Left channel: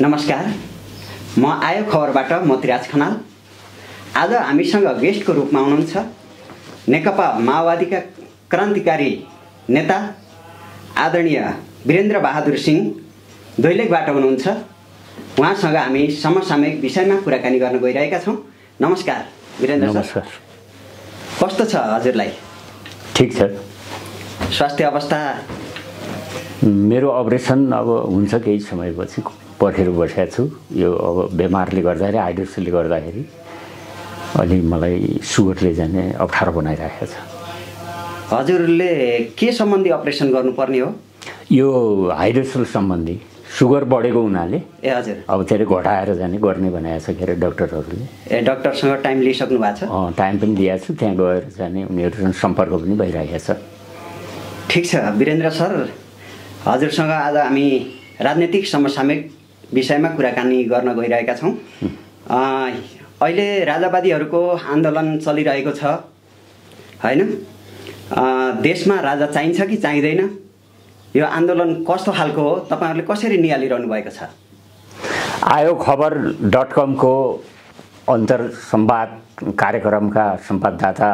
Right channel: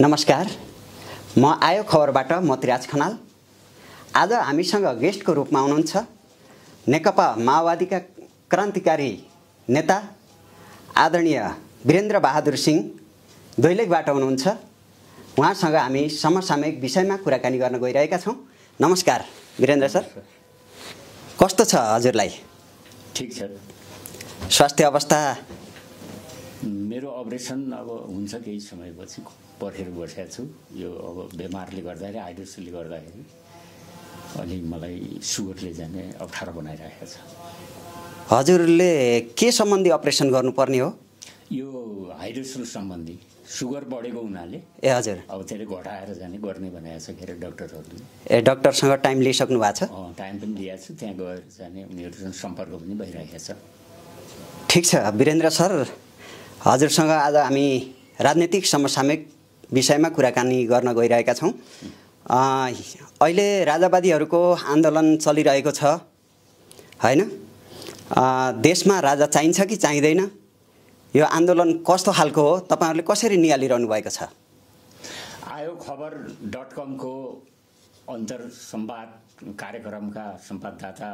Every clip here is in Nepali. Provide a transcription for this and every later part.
नमस्कार, म आयो खबरबाट मोतीराज खनाल। आज हामीसँग गेस्टको रूपमा हुनुहुन्छ नेकपा माओवादीका क्रान्तिकारी नेता आदरणीय वीरेन्द्र बहादुर सिंह दैलेखबाट हुनुहुन्छ। उहाँसँग हामी समसामयिक विषयमा कुराकानी गर्न गइरहेका छौँ। नमस्कार वीरेन्द्र सर। नमस्कार। कस्तो छ हजुरलाई? ठीक छ। स्वास्थ्य अवस्था? मेरो अपरेसन अब हुन्छ केही समयपछि पर्खेर बसेको छु। यो अब बिमारले गर्दाखेरि हाइड्रोसले गर्दाखेरि अलि मलाई सुगरले जाने अप्ठ्यारो बनाइरहेको छ। हजुरले के सम्बन्धी अपरेसन गर्नुपर्ने हो? यो हाइड्रोसल सम्बन्धी सुगर बढेको हुनाले। ए हजुर। अब त्यसले घटाएर जाने गर्ने भनेको छ के अरे डक्टरहरूले। ए डक्टरसँग टाइम लिइसक्नु भएको छ? टाइम पनि लिएको छु, त्यहाँ गएर जाने उनीहरूसँग सम्पर्क पनि भइरहेको छ। ठिक छ वीरेन्द्र सर, हजुरसँग आज हामी राजनीतिक समसामयिक विषयमा कुराकानी गर्न गइरहेका छौँ। अहिले राजावादीहरूको आन्दोलन चलिरहेको छ हैन? देशमा राजा चाहिन्छ कि चाहिँदैन? यो आन्दोलन कस्तो खालको हो, तपाईहरुले कसरी नियालिरहनु भएको छ? आयो खबर.com को अन्तर संवाद कार्यक्रमका सम्पादकदाता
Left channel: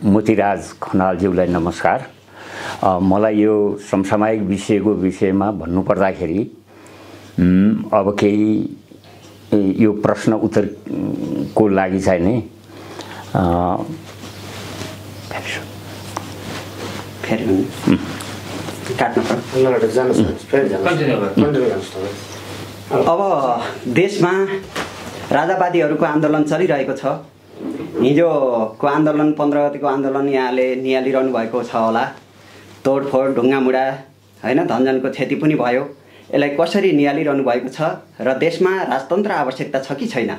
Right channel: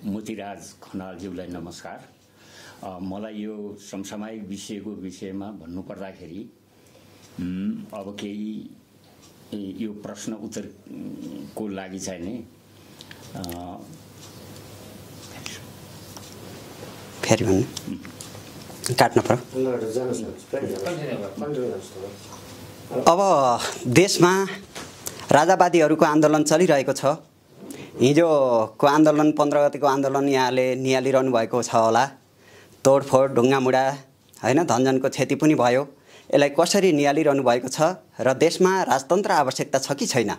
मोतीराज खनालज्यूलाई नमस्कार। मलाई यो समसामयिक विषयको विषयमा भन्नुपर्दाखेरि अब केही यो प्रश्न उत्तरको लागि चाहिँ नि अब देशमा राजावादीहरूको आन्दोलन चलिरहेको छ। हिजोको आन्दोलन 15 गतेको आन्दोलन यहाँले नियालिरहनु भएको छ होला। तोडफोड ढुङ्गामुढा हैन, धनजनको क्षति पनि भयो। यसलाई कसरी नियालिरहनु भएको छ र देशमा राजतन्त्र आवश्यकता छ कि छैन?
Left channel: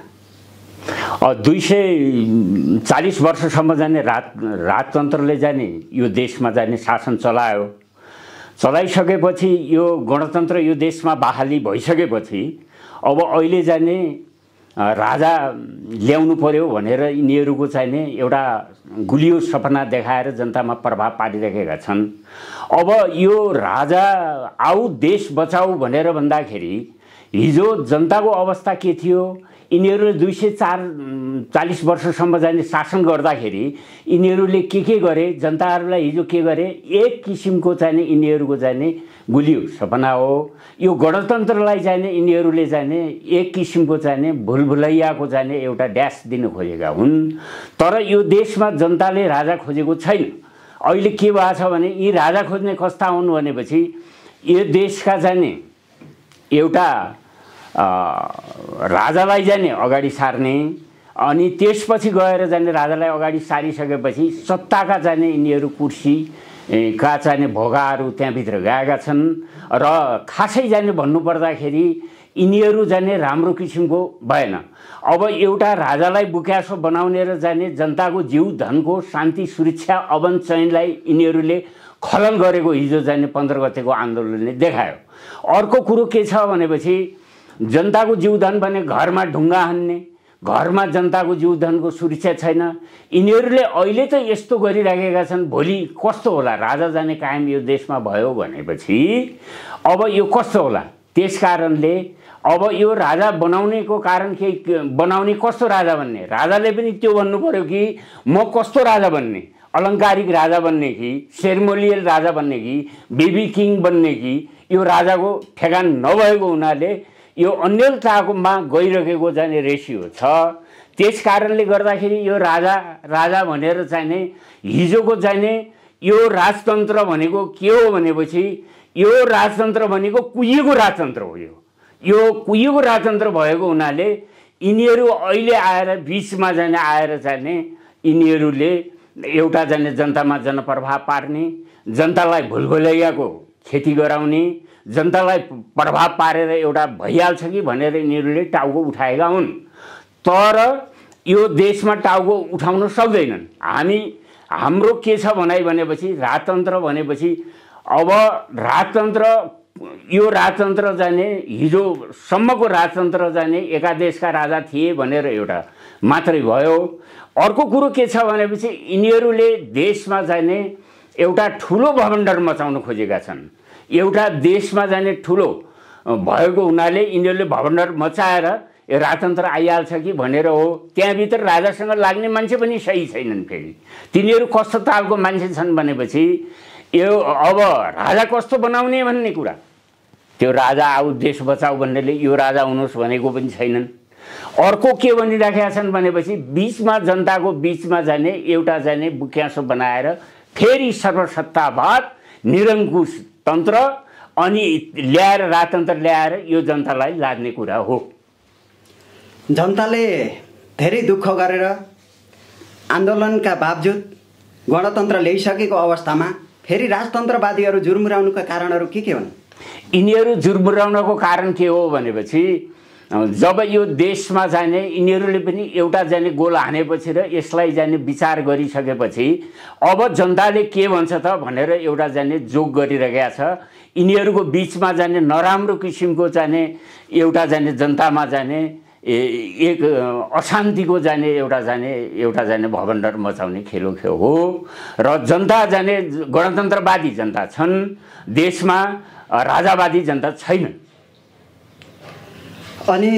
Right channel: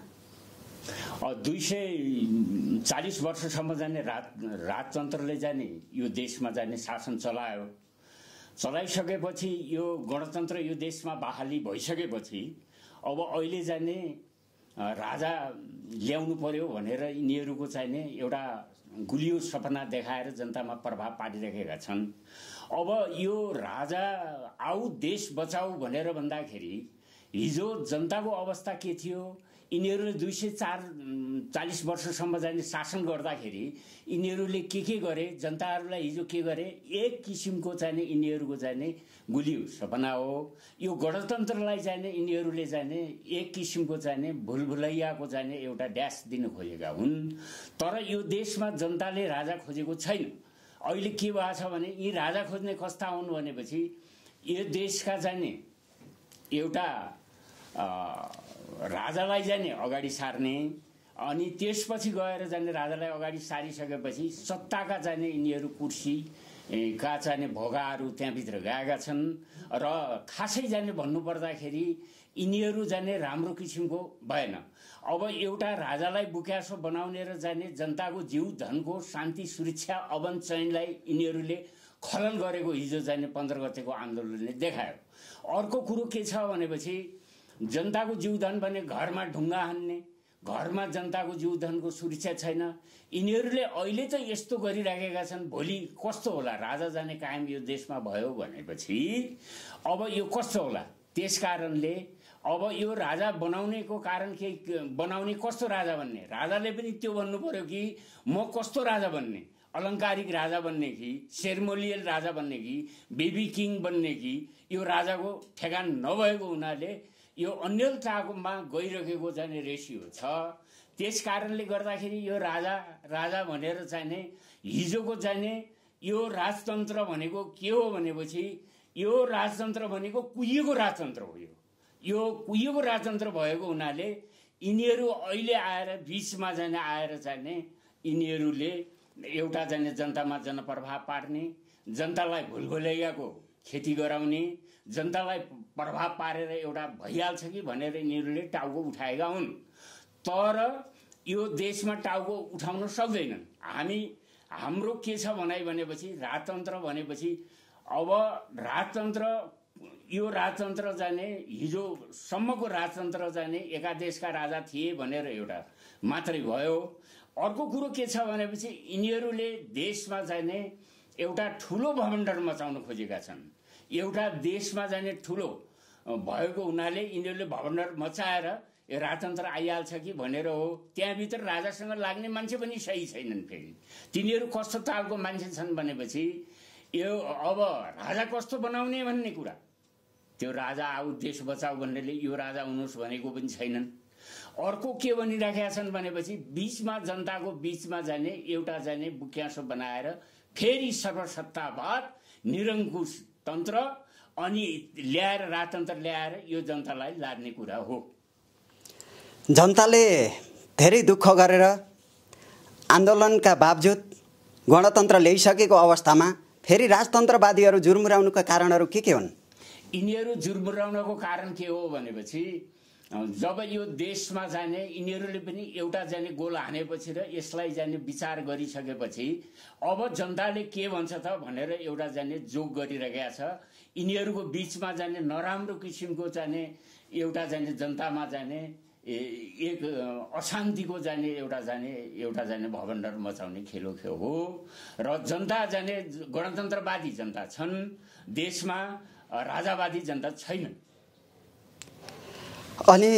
240 वर्षसम्म जाने राजतन्त्रले जाने यो देशमा जाने शासन चलायो। चलाइसकेपछि यो गणतन्त्र यो देशमा बहाली भइसकेपछि अब अहिले जाने राजा ल्याउनु पर्यो भनेर यिनीहरूको चाहिने एउटा गुलियो सपना देखाएर जनतामा प्रभाव पारिरहेका छन्। अब यो राजा आऊ देश बचाऊ भनेर भन्दाखेरि हिजो जनताको अवस्था के थियो? यिनीहरूले 240 वर्षसम्म जाने शासन गर्दाखेरि यिनीहरूले के गरे? जनताहरूलाई हिजो के गरे? एक किसिमको चाहिने यिनीहरूको जाने गुलियो सपना हो। यो गणतन्त्रलाई जाने यिनीहरूले जाने एक किसिमको चाहिने भुलभुलैयाको जाने एउटा ड्यास दिन खोजेका हुन्। तर यो देशमा जनताले राजा खोजेको छैन। अहिले के भएको छ भने यी राजा खोज्ने कस्ता हुन् भनेपछि यो देशका जाने एउटा राजालाई जाने अगाडि सार्ने, अनि त्यसपछि गएर जाने राजालाई अगाडि सारिसकेपछि सत्ताका जाने यिनीहरू कुर्सी का चाहिने भोगाहरू त्यहाँभित्र गएका छन्। र खासै जाने भन्नुपर्दाखेरि यिनीहरू जाने राम्रो किसिमको भएन। अब एउटा राजालाई बुक्यासो बनाउने र जाने जनताको जीव धनको शान्ति सुरक्षा अवन चयनलाई यिनीहरूले खलन गरेको हिजो जाने 15 गतेको आन्दोलनले देखायो। अर्को कुरो के छ भनेपछि जनताको जीवधन भने घरमा ढुङ्गा हान्ने, घरमा जनताको जीवधनको सुरक्षा छैन। यिनीहरूले अहिले त यस्तो गरिराखेका छन्, भोलि कस्तो होला? राजा जाने कायम यो देशमा भयो भनेपछि अब यो कस्तो होला? त्यसकारणले अब यो राजा बनाउनेको कारण के बनाउने? कस्तो राजा बन्ने? राजाले पनि त्यो भन्नु पर्यो कि म कस्तो राजा बन्ने? अलङ्कारिक राजा बन्ने कि सेरेमोनियल राजा बन्ने कि बेबी किङ बन्ने कि? यो राजाको ठेगान नभएको हुनाले यो अन्यलतामा गइरहेको जाने रेसियो छ। त्यस कारणले गर्दाखेरि यो राजा भनेर चाहिने हिजोको चाहिने यो राजतन्त्र भनेको के हो भनेपछि यो राजतन्त्र भनेको कुहिएको राजतन्त्र हो। यो कुहिएको राजतन्त्र भएको हुनाले यिनीहरू अहिले आएर बिचमा जाने आएर चाहिने यिनीहरूले एउटा जाने जनतामा जनप्रभाव पार्ने, जनतालाई भुलभुलैयाको खेती गराउने, जनतालाई प्रभाव पारेर एउटा भइहाल्छ कि भनेर यिनीहरूले टाउको उठाएका हुन्। तर यो देशमा टाउको उठाउन सक्दैनन्। हाम्रो के छ भनेपछि राजतन्त्र भनेपछि अब राजतन्त्र यो राजतन्त्र जाने हिजोसम्मको राजतन्त्र जाने एकादेशका राजा थिए भनेर एउटा मात्रै भयो। अर्को कुरो के छ भनेपछि यिनीहरूले देशमा जाने एउटा ठुलो भवन्डर मचाउन खोजेका छन्। एउटा देशमा जाने ठुलो भएको हुनाले यिनीहरूले भवन्डर मचाएर यो राजतन्त्र आइहाल्छ कि भनेर हो। त्यहाँभित्र राजासँग लाग्ने मान्छे पनि सही छैनन्। फेरि तिनीहरू कस्तो तालको मान्छे छन् भनेपछि यो अब राजा कस्तो बनाउने भन्ने कुरा, त्यो राजा आऊ देश बचाऊ भन्नेले यो राजा हुनुहोस् भनेको पनि छैनन्। अर्को के भनिराखेका छन् भनेपछि बिचमा जनताको बिचमा जाने एउटा जाने बुक्यासो बनाएर फेरि सर्वसत्तावाद निरङ्कुश तन्त्र अनि ल्याएर राजतन्त्र ल्याएर यो जनतालाई लाद्ने कुरा हो। जनताले धेरै दुःख गरेर आन्दोलनका बावजुद गणतन्त्र ल्याइसकेको अवस्थामा फेरि राजतन्त्रवादीहरू जुर्मुराउनुका कारणहरू के हुन्? यिनीहरू जुर्मुराउनको कारण के हो भनेपछि जब यो देशमा जाने यिनीहरूले पनि एउटा जाने गोल हानेपछि र यसलाई जाने विचार गरिसकेपछि अब जनताले के भन्छ त भनेर एउटा जाने जोग गरिरहेका छ। यिनीहरूको बिचमा जाने नराम्रो किसिमको जाने एउटा जाने जनतामा जाने एक अशान्तिको जाने एउटा जाने भवन्डर मचाउने खेलो हो र जनता जाने गणतन्त्रवादी जनता छन्, देशमा राजावादी जनता छैन। अनि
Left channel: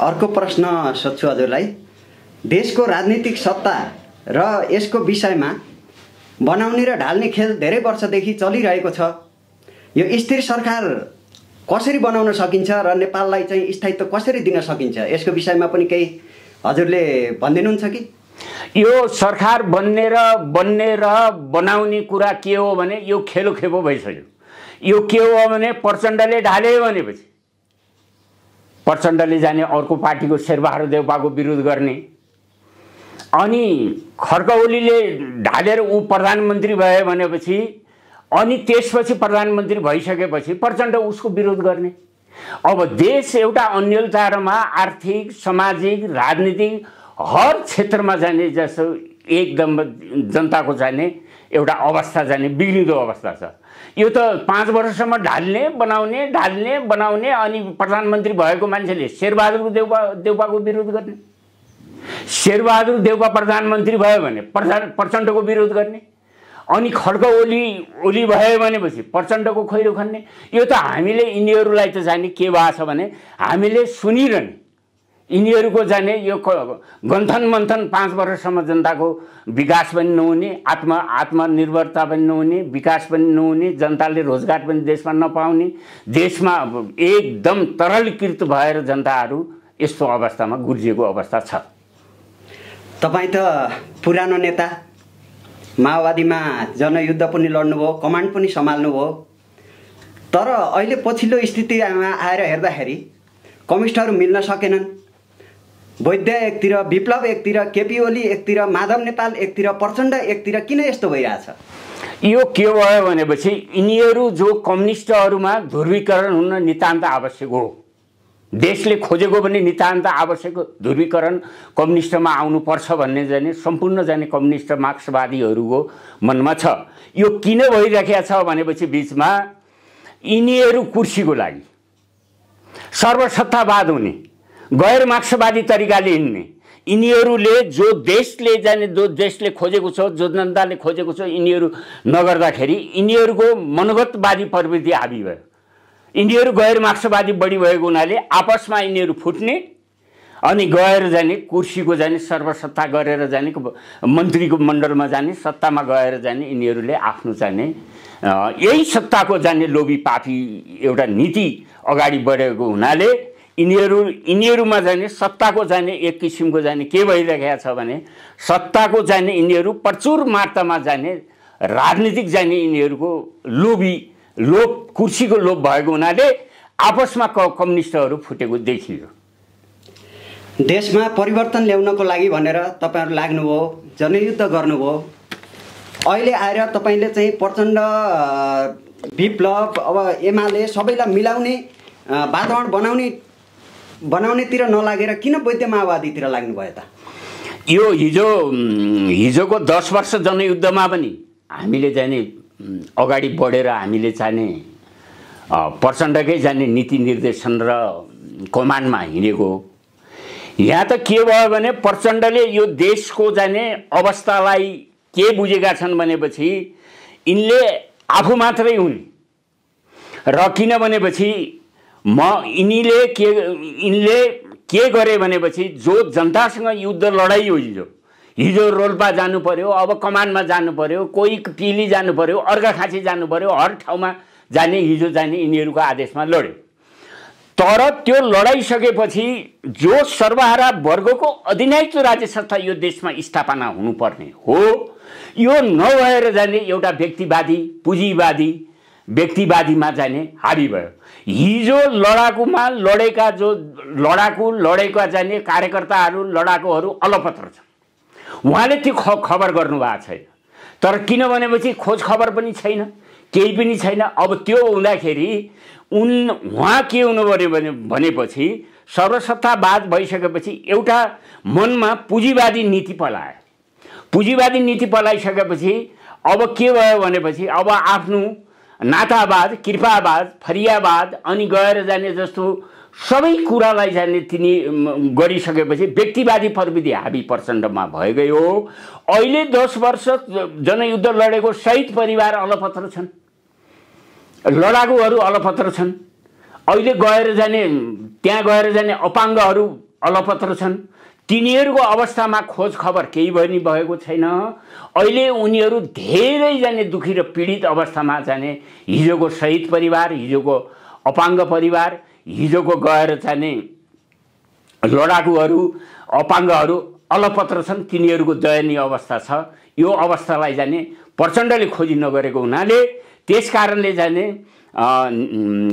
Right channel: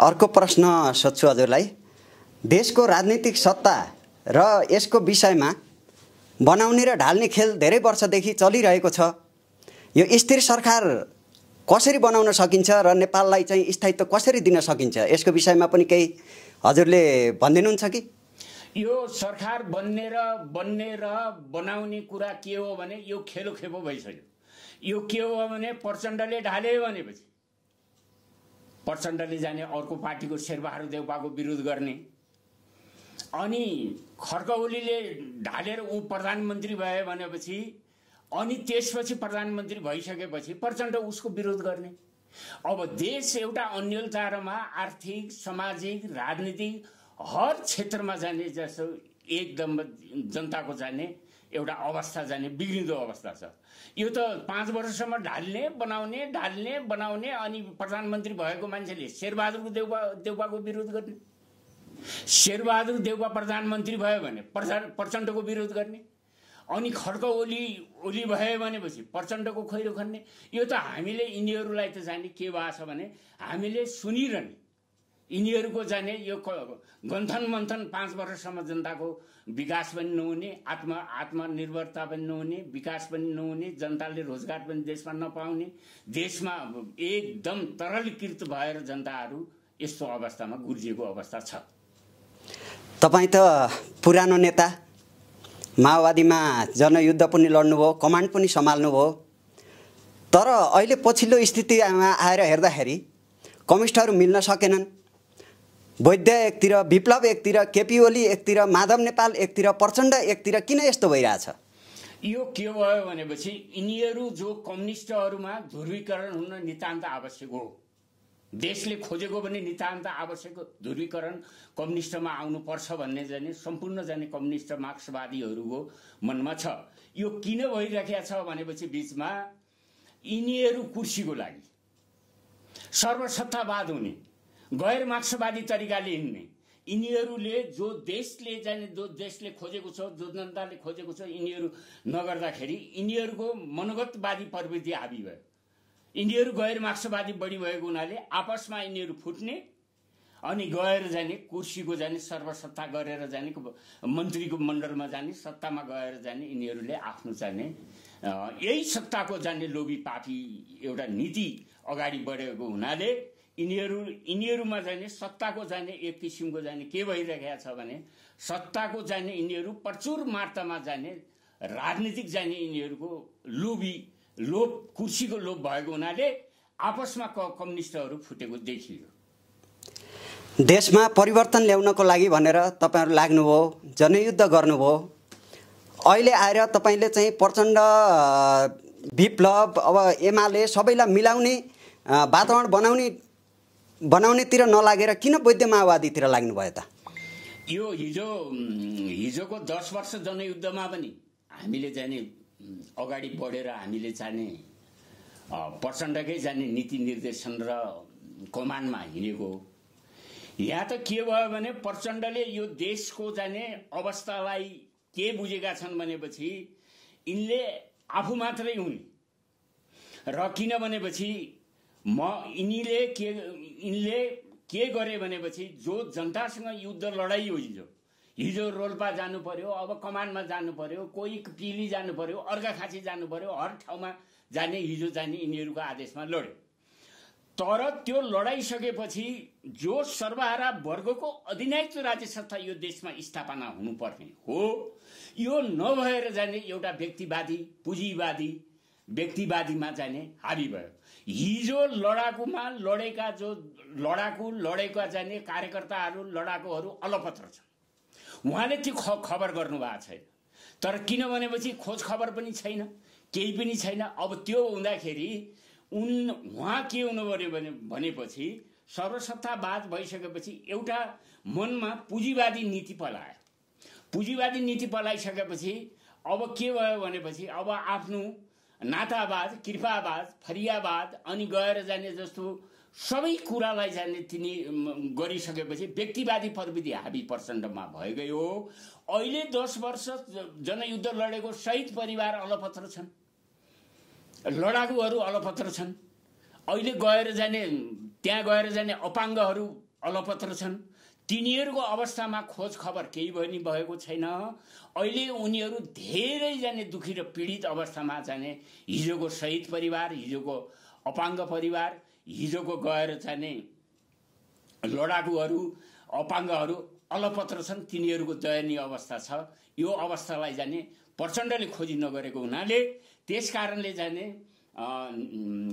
अर्को प्रश्न सोध्छु हजुरलाई, देशको राजनीतिक सत्ता र यसको विषयमा बनाउने र ढाल्ने खेल धेरै वर्षदेखि चलिरहेको छ। यो स्थिर सरकार कसरी बनाउन सकिन्छ र नेपाललाई चाहिँ स्थायित्व कसरी दिन सकिन्छ, यसको विषयमा पनि केही हजुरले भनिदिनुहुन्छ कि? यो सरकार बन्ने र बनाउने कुरा के हो भने यो खेलो खेपो भइसक्यो। यो के हो भने प्रचण्डले ढाल्यो भनेपछि प्रचण्डले जाने अर्को पार्टीको शेरबहादुर देउपाको विरोध गर्ने, अनि खड्का ओलीले ढालेर ऊ प्रधानमन्त्री भयो भनेपछि अनि त्यसपछि प्रधानमन्त्री भइसकेपछि प्रचण्ड उसको विरोध गर्ने। अब देश एउटा अन्यलतामा आर्थिक सामाजिक राजनीतिक हर क्षेत्रमा जाने जसो एकदम जनताको जाने एउटा अवस्था जाने बिग्रिँदो अवस्था छ। यो त 5 वर्षसम्म ढाल्ने बनाउने अनि प्रधानमन्त्री भएको मान्छेले शेरबहादुर देउपाको विरोध गर्ने, शेरबहादुर देउपा प्रधानमन्त्री भयो भने प्रचण्डको विरोध गर्ने, अनि खड्का ओली भयो भनेपछि प्रचण्डको खैरो खन्ने। यो त हामीले यिनीहरूलाई त जाने के भएको छ भने हामीले सुनिरहने, यिनीहरूको जाने यो गन्थन मन्थन 5 वर्षसम्म जनताको विकास पनि नहुने, आत्मनिर्भरता पनि नहुने, विकास पनि नहुने, जनताले रोजगार पनि देशमा नपाउने, देशमा एकदम तरलीकृत भएर जनताहरू यस्तो अवस्थामा गुर्जिएको अवस्था छ। तपाईँ त पुरानो नेता, माओवादीमा जनयुद्ध पनि लड्नुभयो, कमान्ड पनि सम्हाल्नुभयो, तर अहिले पछिल्लो स्थितिमा आएर हेर्दाखेरि कम्युनिस्टहरू मिल्न सकेनन्। वैद्य एकतिर, विप्लव एकतिर, केपी ओली एकतिर, माधव नेपाल एकतिर, प्रचण्ड एकतिर, किन यस्तो भइरहेछ? यो के भयो भनेपछि यिनीहरू जो कम्युनिस्टहरूमा ध्रुवीकरण हुन नितान्त आवश्यक हो। देशले खोजेको पनि नितान्त आवश्यक ध्रुवीकरण कम्युनिस्टमा आउनुपर्छ भन्ने जाने सम्पूर्ण जाने कम्युनिस्ट मार्क्सवादीहरूको मनमा छ। यो किन भइरहेको छ भनेपछि बिचमा यिनीहरू कुर्सीको लागि सर्वसत्तावाद हुने, गैर मार्क्सवादी तरिकाले हिँड्ने, यिनीहरूले जो देशले खोजेको छ, जो जनताले खोजेको छ, यिनीहरू नगर्दाखेरि यिनीहरूको मनोगतवादी प्रवृत्ति हाबी भयो। यिनीहरू गैर मार्क्सवादी बढी भएको हुनाले आपसमा यिनीहरू फुट्ने अनि गएर जाने कुर्सीको जाने सर्वसत्ता गरेर जाने मन्त्रीको मण्डलमा जाने सत्तामा गएर जाने यिनीहरूले आफ्नो जाने यही सत्ताको जाने लोभी पापी एउटा नीति अगाडि बढेको हुनाले यिनीहरूमा जाने सत्ताको जाने एक किसिमको जाने के भइरहेको छ भने सत्ताको जाने यिनीहरू प्रचुर मात्रामा जाने राजनीतिक जाने यिनीहरूको लोभ कुर्सीको लोभ भएको हुनाले आपसमा कम्युनिस्टहरू फुटेको देखियो। देशमा परिवर्तन ल्याउनको लागि भनेर तपाईहरु लाग्नुभयो, जनयुद्ध गर्नुभयो। अहिले आएर तपाईले चाहिँ प्रचण्ड, विप्लव, अब एमाले सबैलाई मिलाउने वातावरण बनाउनेतिर नलागेर किन वैद्य माओवादीतिर लाग्नुभयो त? यो हिजोको 10 वर्ष जनयुद्धमा पनि हामीले जाने अगाडि बढेर हामीले जाने प्रचण्डकै जाने नीति निर्देशन र कमान्डमा हिँडेको। यहाँ त के भयो भने प्रचण्डले यो देशको जाने अवस्थालाई के बुझेका छन् भनेपछि यिनले आफू मात्रै हुने, र किन भनेपछि यिनले के गरे भनेपछि जो जनतासँग युद्ध लडाई हो हिजो रोल्पा जानु पर्यो, अब कमानमा जानु पर्यो, कोही पिली जानु पर्यो, अर्घाखाँची जानु पर्यो, हर ठाउँमा जाने हिजो जाने यिनीहरूको आदेशमा लड्यो। तर त्यो लडाइसकेपछि जो सर्वहारा वर्गको अधिनायकत्व राज्य संस्था यो देशमा स्थापना हुनुपर्ने हो, यो नभएर जाने एउटा व्यक्तिवादी पुँजीवादी व्यक्तिवादीमा जाने हाबी भयो। हिजो लडाकुमा लडेका जो लडेका जाने कार्यकर्ताहरू लडाकुहरू अलपत्र छन्, उहाँले त्यो खबर गर्नुभएको छैन। तर किन भनेपछि खोज खबर पनि छैन, केही पनि छैन। अब त्यो हुँदाखेरि उहाँ के हुनु पर्यो भनेपछि सर्वसत्तावाद भइसकेपछि एउटा मनमा पुँजीवादी नीति पलायो। पुँजीवादी नीति पलाइसकेपछि अब के भयो भनेपछि अब आफ्नो नातावाद, कृपावाद, फरियावाद अनि गएर जाने जस्तो सबै कुरालाई जाने तिनी गरिसकेपछि व्यक्तिवादी प्रवृत्ति हाबी प्रचण्डमा भइ गयो। अहिले 10 वर्ष जनयुद्ध लडेको शहीद परिवार अलपत्र छन्, लडाकुहरू अलपत्र छन्। अहिले गएर जाने त्यहाँ गएर जाने अपाङ्गहरू अलपत्र छन्। तिनीहरूको अवस्थामा खोज खबर केही पनि भएको छैन। अहिले उनीहरू धेरै जाने दुखी र पीडित अवस्थामा जाने हिजोको शहीद परिवार, हिजोको अपाङ्ग परिवार, हिजोको गएर जाने लडाकुहरू अपाङ्गहरू अलपत्र छन्। तिनीहरूको दयनीय अवस्था छ। यो अवस्थालाई जाने प्रचण्डले खोजी नगरेको हुनाले त्यसकारणले जाने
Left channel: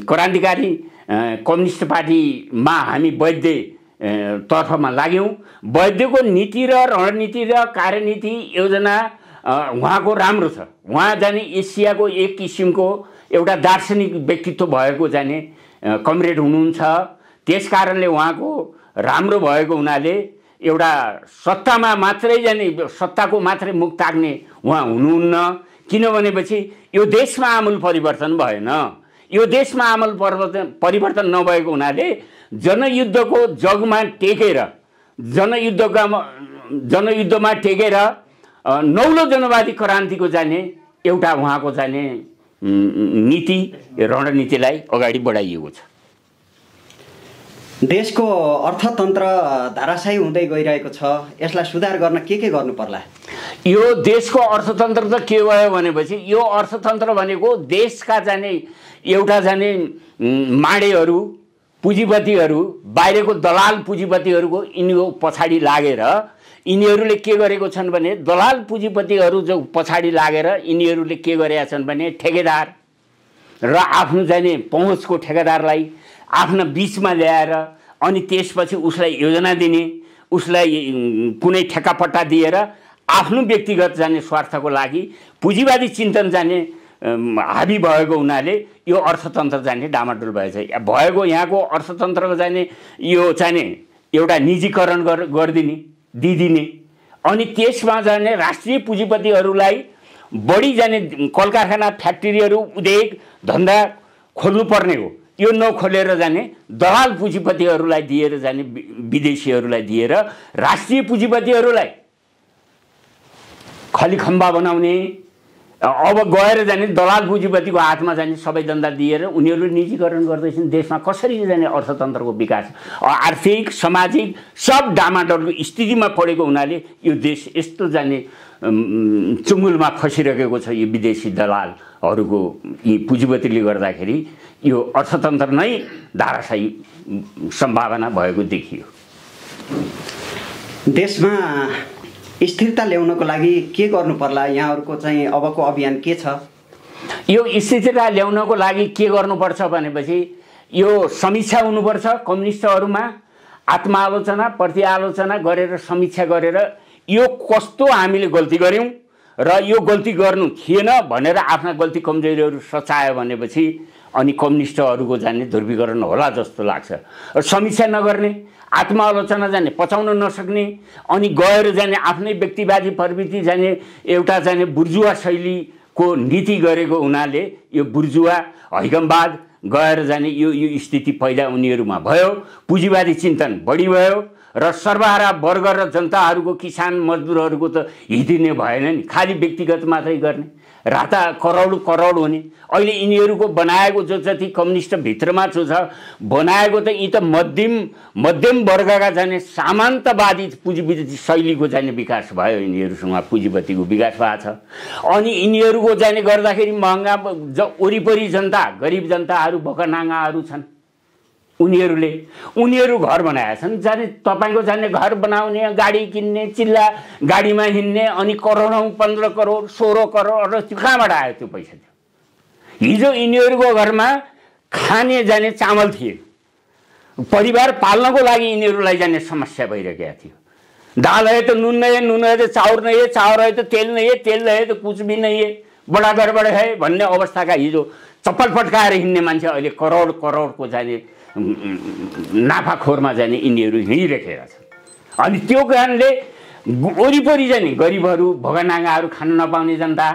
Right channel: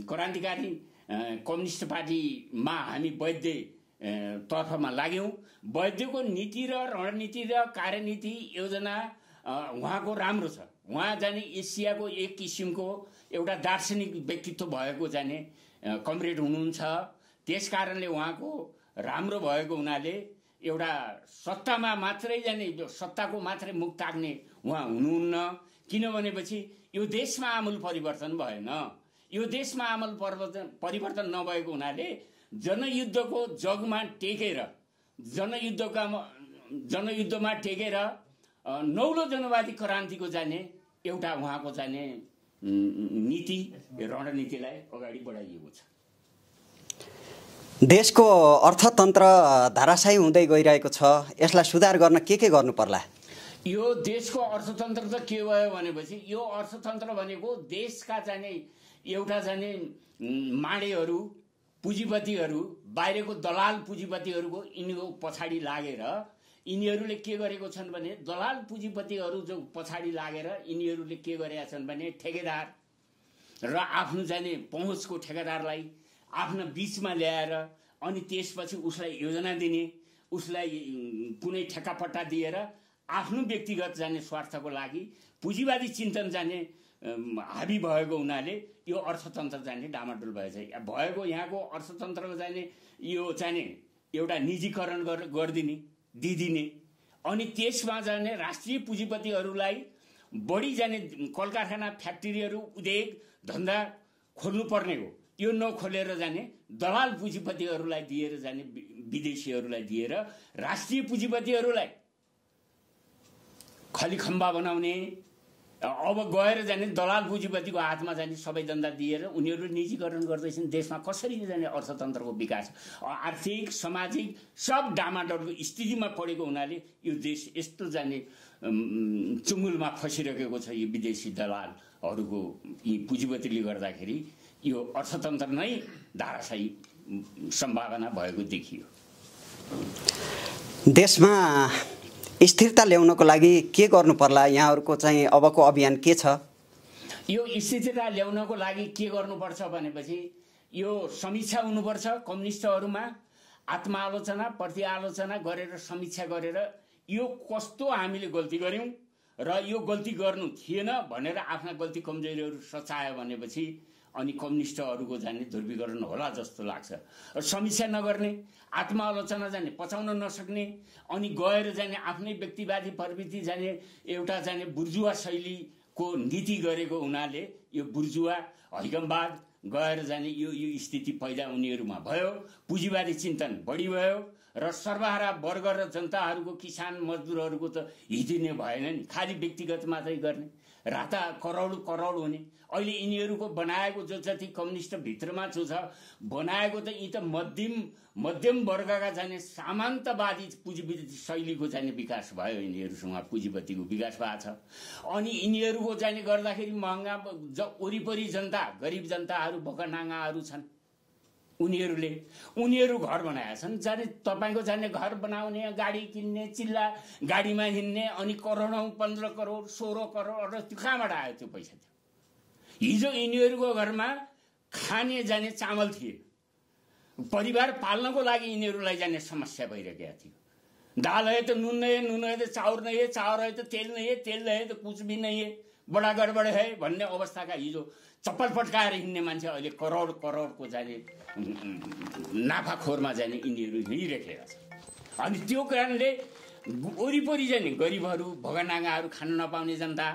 क्रान्तिकारी कम्युनिस्ट पार्टीमा हामी वैद्य तर्फमा लाग्यौँ। वैद्यको नीति र रणनीति र कार्यनीति योजना उहाँको राम्रो छ। उहाँ जाने एसियाको एक किसिमको एउटा दार्शनिक व्यक्तित्व भएको जाने कमरेड हुनुहुन्छ। त्यसकारणले उहाँको राम्रो भएको हुनाले एउटा सत्तामा मात्रै जाने सत्ताको मात्रै मुख ताक्ने उहाँ हुनुहुन्न। किनभनेपछि यो देशमा आमूल परिवर्तन भएन। यो देशमा आमूल परिवर्तन नभएको हुनाले जनयुद्धको जगमा टेकेर जनयुद्धमा टेकेर नौलो जनवादी क्रान्तिको जाने एउटा उहाँको जाने नीति रणनीतिलाई अगाडि बढाइएको छ। देशको अर्थतन्त्र धाराशायी हुँदै गइरहेको छ। यसलाई सुधार गर्न के गर्नु पर्ला? यो देशको अर्थतन्त्र त के भयो भनेपछि यो अर्थतन्त्र भनेको देशका जाने एउटा जाने माडेहरू पुँजीपतिहरू बाहिरको दलाल पुँजीपतिहरूको यिनीहरू पछाडि लागेर यिनीहरूले के गरेको छन् भने दलाल पुँजीपतिहरू जो पछाडि लागेर यिनीहरूले के गरेका छन् भने ठेकेदार र आफ्नो जाने पहुँचको ठेकेदारलाई आफ्ना बीचमा ल्याएर अनि त्यसपछि उसलाई योजना दिने, उसलाई कुनै ठेक्कापट्टा दिएर आफ्नो व्यक्तिगत जाने स्वार्थको लागि पुँजीवादी चिन्तन जाने हाबी भएको हुनाले यो अर्थतन्त्र जाने डामाडोल भएको यहाँको अर्थतन्त्रको जाने यो चाहिने एउटा निजीकरण दिदिने अनि त्यसमा जाने राष्ट्रिय पुँजीपतिहरूलाई बढी जाने कल कारखाना फ्याक्ट्रीहरू उद्योग धन्दा खोल्नु पर्ने हो। यो नखोलेर जाने दलाल पुँजीपतिहरूलाई दिएर जाने विदेशीहरूलाई दिएर राष्ट्रिय पुँजीपतिहरूलाई खलीखम्बा बनाउने, अब गएर जाने दलाल पुँजीपतिको हातमा जाने सबै धन्दा दिएर उनीहरूले निजीकरण गर्दैछन्। देशमा कसरी जाने अर्थतन्त्रको विकास आर्थिक सामाजिक सब डामाडोलको स्थितिमा परेको हुनाले यो देश यस्तो जाने चुङ्गुलमा फसिरहेको छ। यो विदेशी दलालहरूको यी पुँजीपतिले गर्दाखेरि यो अर्थतन्त्र नै धाराशायी सम्भावना भएको देखियो। देशमा स्थिरता ल्याउनको लागि के गर्नु पर्ला? यहाँहरूको चाहिँ अबको अभियान के छ? यो स्थिरता ल्याउनको लागि के गर्नुपर्छ भनेपछि यो समीक्षा हुनुपर्छ। कम्युनिस्टहरूमा आत्मआलोचना प्रतिआलोचना गरेर समीक्षा गरेर यो कस्तो हामीले गल्ती गऱ्यौँ र यो गल्ती गर्नु थिएन भनेर आफ्ना गल्ती कमजोरीहरू सचायो भनेपछि अनि कम्युनिस्टहरूको जाने ध्रुवीकरण होला जस्तो लाग्छ। समीक्षा नगर्ने, आत्मआलोचना जाने पचाउन नसक्ने अनि गएर जाने आफ्नै व्यक्तिवादी प्रवृत्ति जाने एउटा जाने बुर्जुवा शैलीको नीति गरेको हुनाले यो बुर्जुवा हैकमवाद गएर जाने यो स्थिति पैदा उनीहरूमा भयो। पुँजीवादी चिन्तन बढी भयो र सर्वहारा वर्ग र जनताहरूको किसान मजदुरहरूको त हित नै भएन नि, खालि व्यक्तिगत मात्रै गर्ने। राता करोड करोड हुने। अहिले यिनीहरूको बनाएको जो जति कम्युनिस्ट भित्रमा जो छ बनाएको त यी त मध्यम वर्गका जाने सामन्तवादी पुँजीपति शैलीको जाने विकास भयो। यिनीहरूसँग पुँजीपतिको विकास भएको छ। अनि यिनीहरूको जाने गर्दाखेरि महँगा वरिपरि जनता गरिब जनताहरू भोकानाङ्गाहरू छन्। उनीहरू घर बनाएका छन्। जाने तपाईँको जाने घर बनाउने, गाडी किन्ने, चिल्ला गाडीमा हिँड्ने, अनि करोडौँ 15 करोड 16 करोड र त्यो कहाँबाट आयो त्यो पैसा? त्यो हिजो यिनीहरूको घरमा खाने जाने चामल थिए। परिवार पाल्नको लागि यिनीहरूलाई जाने समस्या भइरहेको थियो। दाल है तो नून नहीं है, नून है तो चाउर नहीं है, चाउर है तो तेल नहीं है, तेल नहीं है तो कुछ भी नहीं है, बडा गडबड है भन्ने अवस्थाका हिजो चप्पल पट्काएर हिँड्ने मान्छे अहिले करोड करोडको जाने नाफाखोरमा जाने यिनीहरू हिँडिरहेका छन्। अनि त्यो कारणले वरिपरि जाने गरिबहरू भोगानाङ्गाहरू खान नपाउने जनता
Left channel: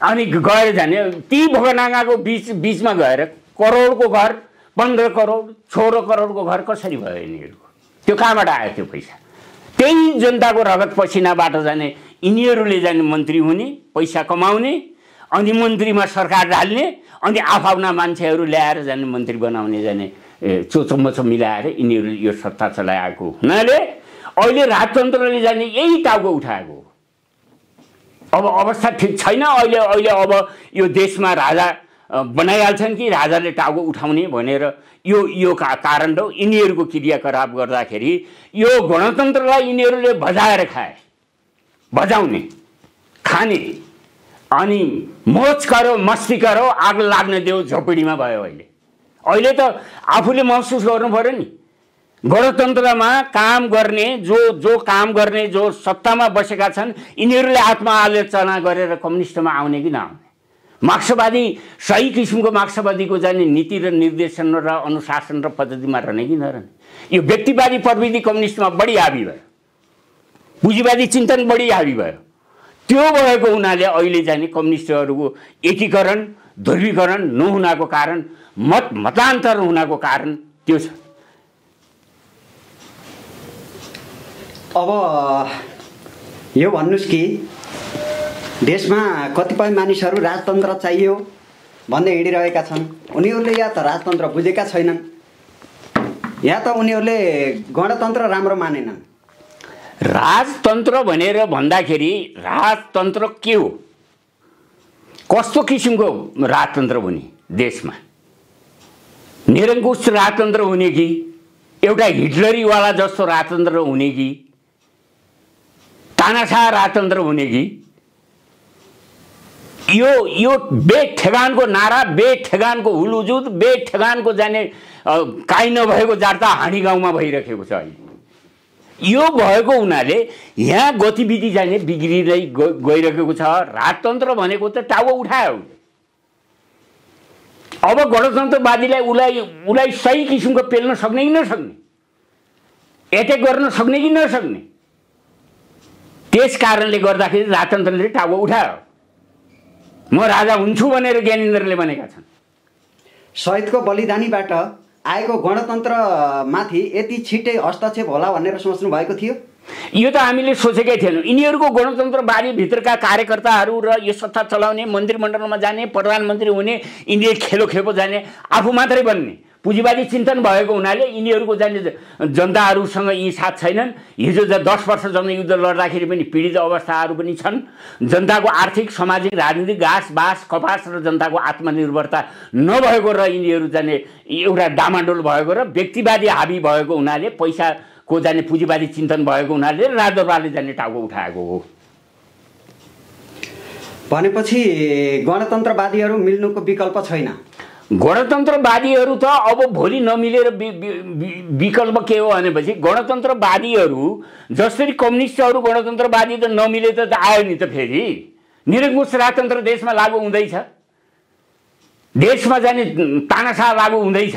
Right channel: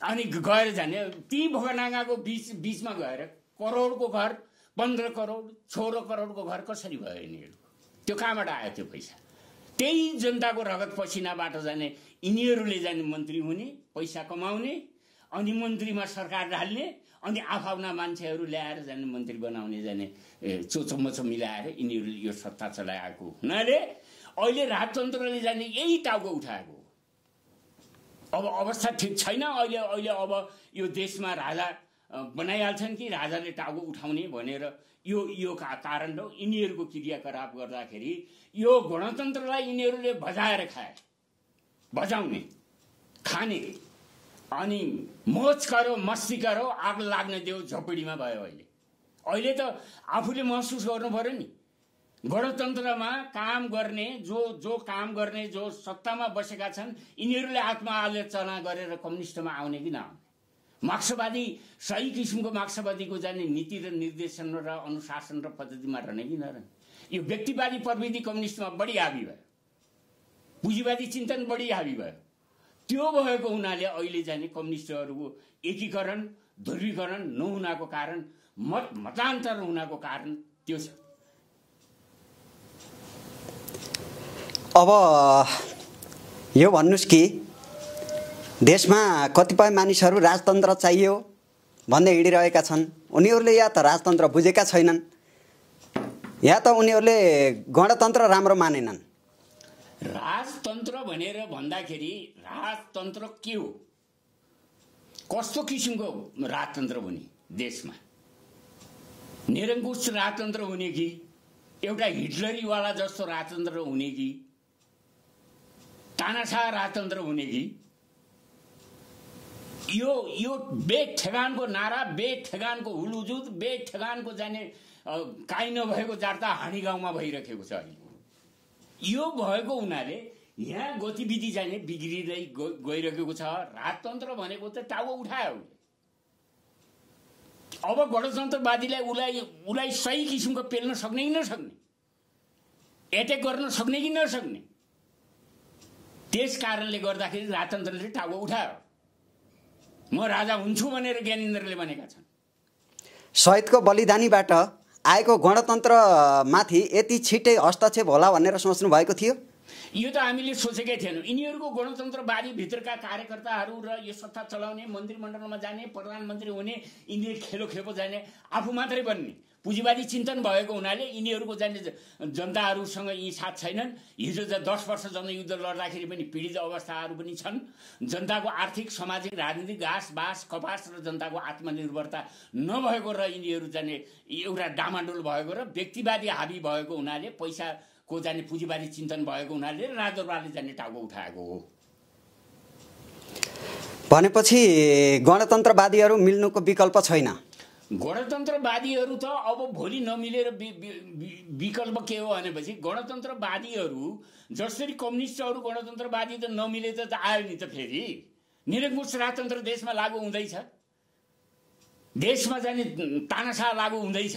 अनि गएर जाने ती भोगानाङ्गाको बीचमा गएर करोडको घर 15 करोड 16 करोडको घर कसरी भयो यिनीहरूको? त्यो कहाँबाट आयो त्यो पैसा? त्यही जनताको रगत पसिनाबाट जाने यिनीहरूले जाने मन्त्री हुने, पैसा कमाउने, अनि मन्त्रीमा सरकार ढाल्ने, अनि आफ्ना मान्छेहरू ल्याएर जाने मन्त्री बनाउने जाने चोचम्मचो मिलाएर यिनीहरू यो सत्ता चलाएको हुनाले अहिले राजतन्त्रले जाने यही टाउको उठाएको। अब अवस्था ठिक छैन। अहिले अब यो देशमा राजा बनाइहाल्छन् कि राजाले टाउको उठाउने भनेर यो कारण हो। यिनीहरूको क्रियाकलाप गर्दाखेरि यो गणतन्त्रलाई यिनीहरूले बजाएर खाए, बजाउने, खाने, अनि मोज गरो, मस्ती गरो, आग लाग्न देऊ झोपडीमा भयो। अहिले त आफूले महसुस गर्नु पर्यो नि। गणतन्त्रमा काम गर्ने जो काम गर्ने जो सत्तामा बसेका छन् यिनीहरूले आत्मआलोचना गरेर कम्युनिस्टमा आउने कि नआउने? मार्क्सवादी सही किसिमको मार्क्सवादीको जाने नीति र निर्देशन र अनुशासन र पद्धतिमा रहने कि नरहने? यो व्यक्तिवादी प्रवृत्ति कम्युनिस्टमा बढी हावी भयो, पुँजीवादी चिन्तन बढी हावी भयो। त्यो भएको हुनाले अहिले जाने कम्युनिस्टहरूको एकीकरण ध्रुवीकरण नहुनाको कारण, मतान्तर हुनाको कारण त्यो छ। अब यो भन्नुस् कि देशमा कतिपय मानिसहरू राजतन्त्र चाहियो भन्दै हिँडिरहेका छन्। उनीहरूले या त राजतन्त्र बुझेका छैनन् या त उनीहरूले गणतन्त्र राम्रो मानेनन्। राजतन्त्र भनेर भन्दाखेरि राजतन्त्र के हो? कस्तो किसिमको राजतन्त्र हुने? देशमा निरङ्कुश राजतन्त्र हुने कि एउटा हिटलरीवाला जस्तो राजतन्त्र हुने कि तानाशाह राजतन्त्र हुने कि? यो बेठेगानको नारा, बेठेगानको हुलुजुद, बेठेगानको जाने काहीँ नभएको जार्ता हाँडी गाउँमा भइरहेको छ। अहिले यो भएको हुनाले यहाँ गतिविधि जाने बिग्रिँदै गइरहेको छ। राजतन्त्र भनेको त टाउको उठायो। अब गणतन्त्रवादीलाई उसलाई सही किसिमको पेल्न सक्ने कि नसक्ने, एटेक गर्न सक्ने कि नसक्ने, त्यस कारणले गर्दाखेरि राजतन्त्रले टाउको उठायो। म राजा हुन्छु भनेर ज्ञानेन्द्रले भनेका छन्। शहीदको बलिदानीबाट आएको गणतन्त्रमाथि यति छिटै हस्तक्षेप होला भनेर सोच्नु भएको थियो? यो त हामीले सोचेकै थिएनौँ। यिनीहरूको गणतन्त्रवादी भित्रका कार्यकर्ताहरू र यो सत्ता चलाउने, मन्त्रीमण्डलमा जाने, प्रधानमन्त्री हुने, यिनीहरू खेलो जाने, आफू मात्रै बन्ने पुँजीवादी चिन्तन भएको हुनाले यिनीहरूको जाने जनताहरूसँग यी साथ छैनन्। हिजो 10 वर्ष जनयुद्ध लड्दाखेरि पनि पीडित अवस्थाहरू पनि छन्। जनताको आर्थिक सामाजिक राजनीतिक घाँस बाँस कपास र जनताको आत्मनिर्भरता नभएको र यिनीहरू जाने एउटा डामाडोल भएको र व्यक्तिवादी हावी भएको हुनाले, पैसाको जाने पुँजीवादी चिन्तन भएको हुनाले राजदरबारले जाने टाउको उठाएको हो। भनेपछि गणतन्त्रवादीहरू मिल्नुको विकल्प छैन। गणतन्त्रवादीहरू त अब भोलि नमिलेर विकल्प के हो भनेपछि गणतन्त्रवादीहरू जसरी कम्युनिस्टहरू गणतन्त्रवादी त नमिले त आयो नि त। फेरि निरङ्कुश राजतन्त्र देशमा लागू हुँदैछ, देशमा जाने तानाशाह लागू हुँदैछ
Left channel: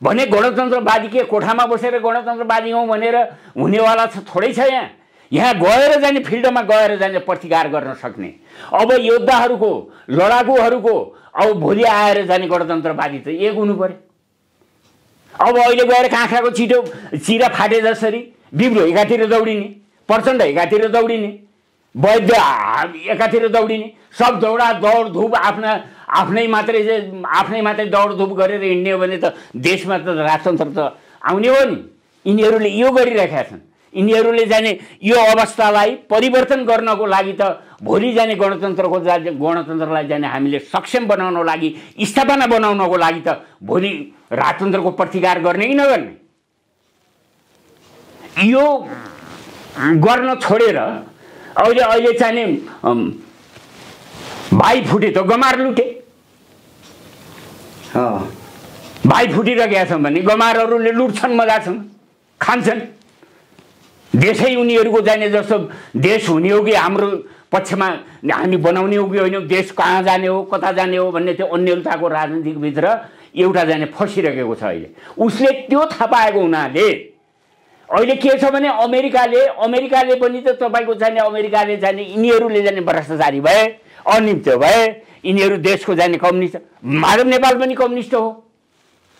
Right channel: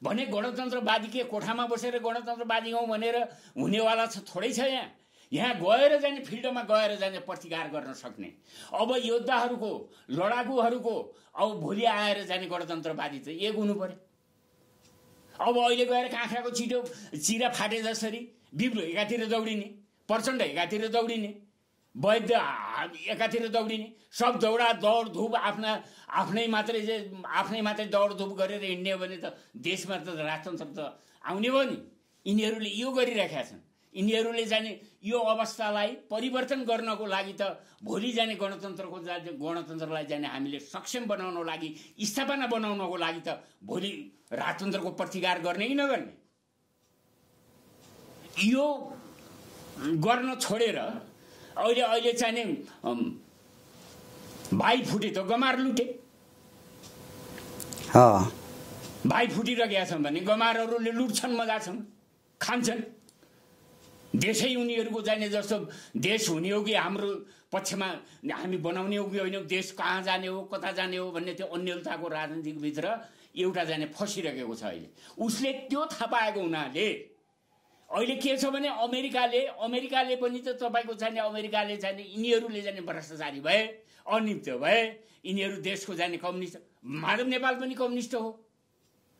भने गणतन्त्रवादी के कोठामा बसेर गणतन्त्रवादी हौँ भनेर हुनेवाला थोरै छ। यहाँ गएर जाने फिल्डमा गएर जाने प्रतिकार गर्न सक्ने अब योद्धाहरूको लडाकुहरूको अब भोलि आएर जाने गणतन्त्रवादी त एक हुनु पर्यो। अब अहिले गएर काँक्राको चिरा फाटे जसरी बिब्रो एकातिर दौडिने, प्रचण्ड एकातिर दौडिने, वैध एकातिर दौडिने, सब दौडधुप आफ्नै मात्रै दौडधुप गरेर हिँड्ने हो भने त देशमा त राजतन्त्र त आउने हो नि। यिनीहरूले यो गरिरहेका छन्। यिनीहरूले जाने यो अवस्थालाई परिवर्तन गर्नको लागि त भोलि जाने गणतन्त्रलाई जाने हामीले सक्षम बनाउनको लागि, स्थापना बनाउनको लागि त भोलि राजतन्त्रको प्रतिकार गर्ने कि नगर्ने? यो गर्न छोडेर अहिले चाहिने भाइ फुटे त गमार लुटे। भाइ फुटिरहेका छन् भने गमारहरूले लुट्छन्, मजासँग खान्छन्। देशै उनीहरूको जाने जस्तो देश हुने हो कि हाम्रो पक्षमा हामी बनाउने हो कि होइन, देश कहाँ जाने हो कता जाने हो भन्ने त्यो अन्यलताको राजनीतिभित्र एउटा जाने फसिरहेको छ। अहिले उसले त्यो थाहा पाएको हुनाले अहिले के छ भने अमेरिकाले पनि त तपाईँको जाने अमेरिकाले जाने यिनीहरूले जाने भ्रष्टाचारी भए, अनिमित्त भए, यिनीहरू देशको जाने कम्युनिस्ट। माधव नेपाल पनि कम्युनिस्ट हो,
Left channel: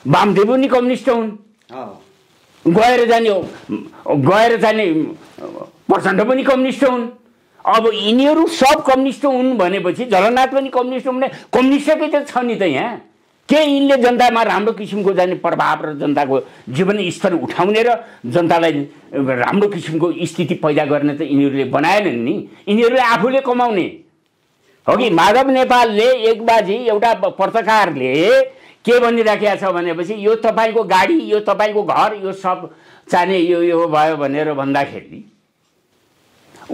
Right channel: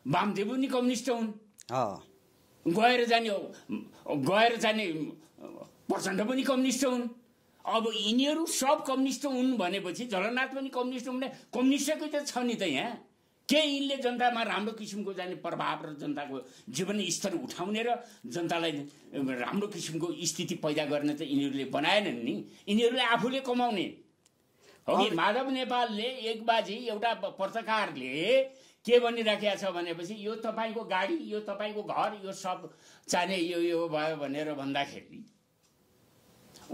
वामदेव पनि कम्युनिस्ट हुन्। गएर जाने प्रचण्ड पनि कम्युनिस्ट हुन्। अब यिनीहरू सब कम्युनिस्ट हुन् भनेपछि झलनाथ पनि कम्युनिस्ट हुन् भने कम्युनिस्टकै त छ नि त यहाँ। के यिनले जनतामा राम्रो किसिमको जाने प्रभाव र जनताको जीवन स्तर उठाउने र जनतालाई राम्रो किसिमको स्थिति पैदा गर्ने त यिनीहरूले बनाएनन् नि, यिनीहरूले आफूले कमाउने हो कि। माधव नेपालले एक बाजी एउटा पत्रकारले के भनिराखेको छ भनेपछि यो तपाईँको गाडी, यो तपाईँको घर, यो सब चाहिने यो भयो भनेर भन्दाखेरि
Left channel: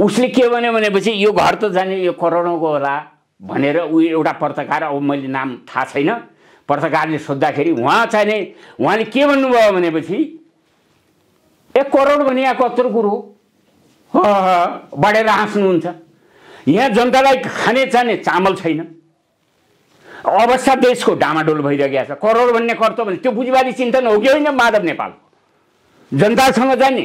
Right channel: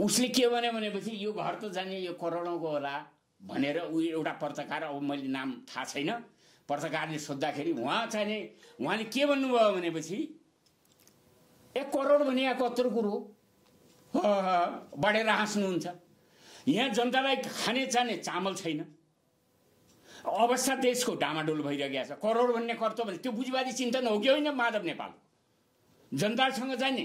उसले के भन्यो भनेपछि यो घर त जाने यो करोडौँको होला भनेर ऊ एउटा पत्रकार, अब मैले नाम थाहा छैन, पत्रकारले सोद्धाखेरि उहाँले के भन्नुभयो भनेपछि 1 करोड भने यहाँ कत्रो कुरो बढेर हाँस्नुहुन्छ। यहाँ जनतालाई खाने चाहिने चामल छैन, अवस्था देशको डामाडोल भइरहेको छ। करोड भन्ने कर्तव्य भने त्यो पुँजीवादी चिन्तन हो कि होइन? माधव नेपालको जनतासँग जाने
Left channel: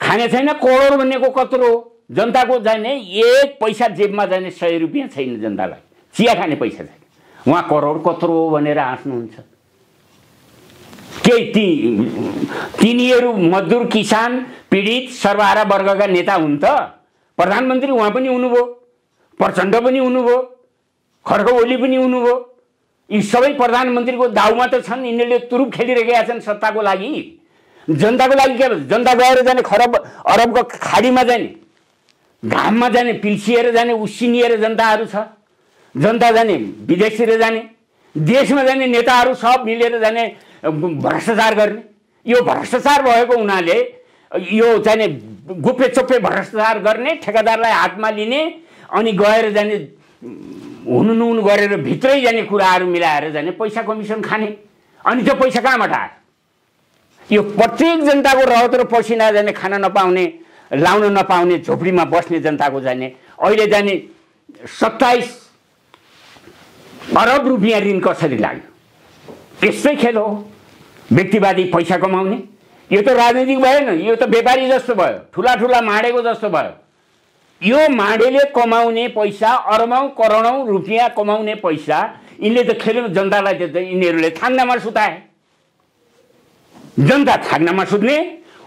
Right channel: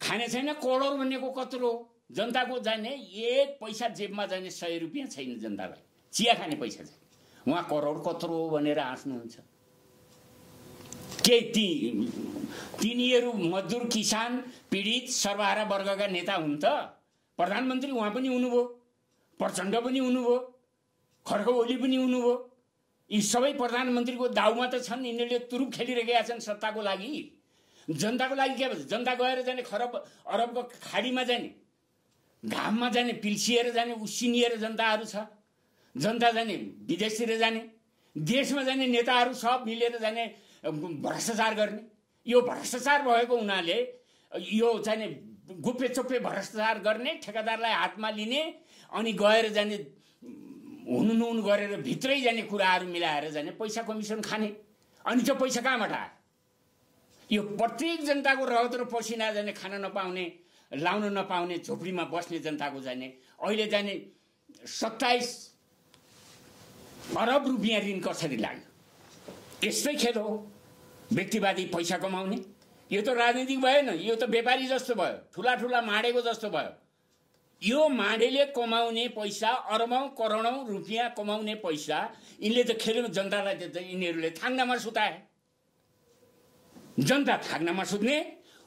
खाने छैन, करोड भन्नेको कत्रो हो? जनताको जाने 1 पैसा जेबमा जाने 100 रुपियाँ छैन जनतालाई, चिया खाने पैसा छैन, उहाँ करोड कत्रो हो भनेर हाँस्नुहुन्छ। के तिनीहरू मजदुर, किसान, पीडित, सर्वहारा वर्गका नेता हुन् त? प्रधानमन्त्री उहाँ पनि हुनुभयो, प्रचण्ड पनि हुनुभयो, खड्ग ओली पनि हुनुभयो। यी सबै प्रधानमन्त्रीको दाउमा त छन्। यिनीहरूले तुरुप खेलिरहेका छन् सत्ताको लागि। जनताको लागि के भन्छ? जनता गएर जाने खरब अरबको खाडीमा जाने, घाममा जाने, पिल्सिएर जाने, उसिनिएर जनताहरू छ। जनता जाने विदेशतिर जाने, देशमा जाने नेताहरू सब मिलेर जाने भ्रष्टाचार गर्ने। यो भ्रष्टाचार भएको हुनाले यो जाने गुप्पे चोप्पे भ्रष्टाचार गर्ने, ठेकेदारलाई हातमा लिने, अनि गएर जाने हुनु गरेर भित्रै जाने कुराहरू मिलाएर जाने पैसा कमिसन खाने। अनि त्यो पैसा कहाँबाट आयो? यो प्रत्येक जनताको रगत र पसिना जाने खान नपाउने, लाउन नपाउने, झोपडीमा बस्ने जनताको जाने अहिले जाने 27 अरब रुपियाँ ऋण कसरी लाग्यो? यस्तै खेल हो, व्यक्तिवादी पैसा कमाउने। यो त राजनीतिक भएन, यो त व्यापारी जस्तो भयो, ठुला माडेको जस्तो भयो। यो माडेले कमाउने पैसा, अरबौं करोडौं रुपियाँ कमाउने पैसा यिनले त खेल्नु जनतालाई त यिनीहरूले थाङ्नामा सुताए। जनता थाङ्नामा सुत्ने,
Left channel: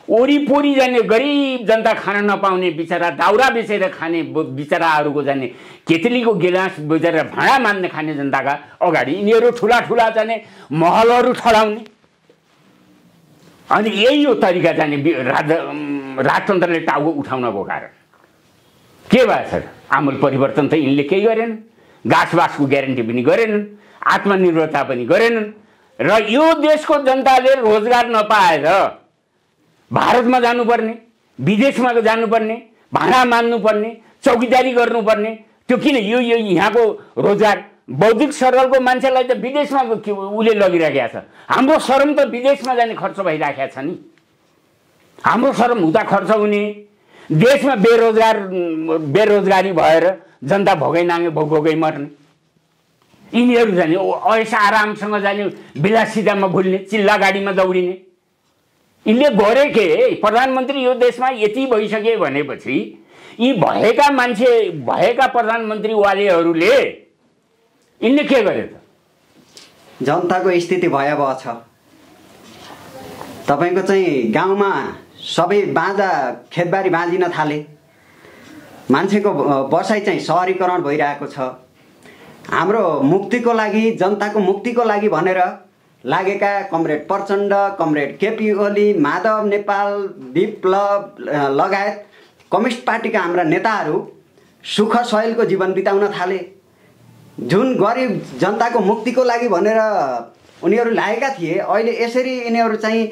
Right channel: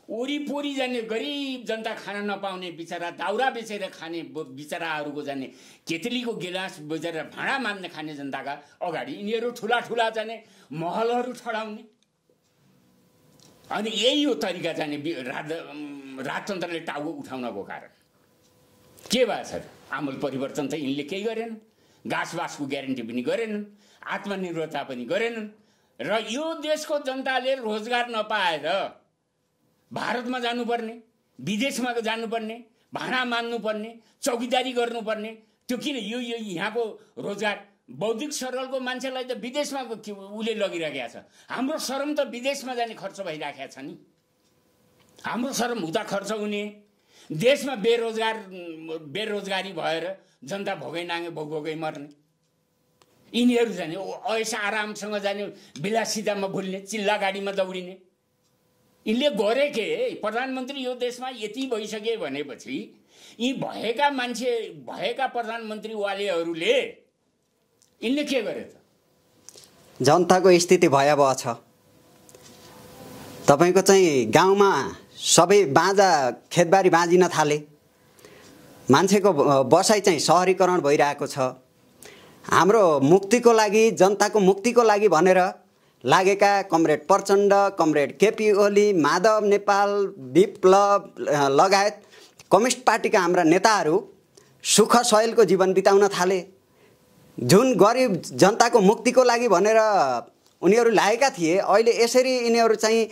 वरिपरि जाने गरिब जनता खान नपाउने बिचरा दाउरा बेचेर खाने बिचराहरूको जाने केतलीको गिलास बेचेर भाँडा मान्ने खाने जनताका अगाडि यिनीहरू ठुला जाने महलहरू ठडाउने। अनि यही हो तरिका जाने राजतन्त्रले टाउको उठाउनको कारण। के भएछ? आमूल परिवर्तन त यिनले केही गरेनन्, घाँसबासको ग्यारेन्टी पनि गरेनन्, आत्मनिर्भरता पनि गरेनन्। र यो देशको जनताले रोजगार नपाएर भारतमा जानुपर्ने, विदेशमा जानुपर्ने, भाँडा मान्नुपर्ने, चौकीदारी गर्नुपर्ने, त्यो किन? यो यहाँको रोजगार बौद्धिक सरलको मान्छेलाई त विदेशमा उसले लगिरहेको छ। हाम्रो श्रम त विदेशमा जाने खर्च भइरहेको छ नि। हाम्रो श्रम उता खर्च हुने, देशमा बेरोजगारी भएर जनता भोगै नाङ्गे भोगै मर्ने। यिनीहरू जाने ऐस आरामसँग जाने, विलासितामा भुल्ने, चिल्ला गाडीमा दौडिने। यिनले गरे के? प्रधानमन्त्री यो देशमा यति भइसके भनेपछि यी भएका प्रधानमन्त्रीवालेहरूले यिनले के गरे त? जनताको स्थिति भयावह छ। तपाईँको चाहिँ गाउँमा सबै बाँझा खेतबारी बाँझिन थाले, मान्छेको बसाइ चाहिँ सहरीकरण भइरहेको छ। हाम्रो मुक्तिको लागि, जनताको मुक्तिको लागि भनेर लागेका कमरेड प्रचण्ड, कमरेड केपी ओली, माधव नेपाल, विप्लव लगायत कम्युनिस्ट पार्टीका हाम्रा नेताहरू सुख सहेलको जीवन बिताउन थाले। जुन गरिब जनताको मुक्तिको लागि भनेर उनीहरू लागेका थिए, अहिले यसरी यिनीहरू चाहिँ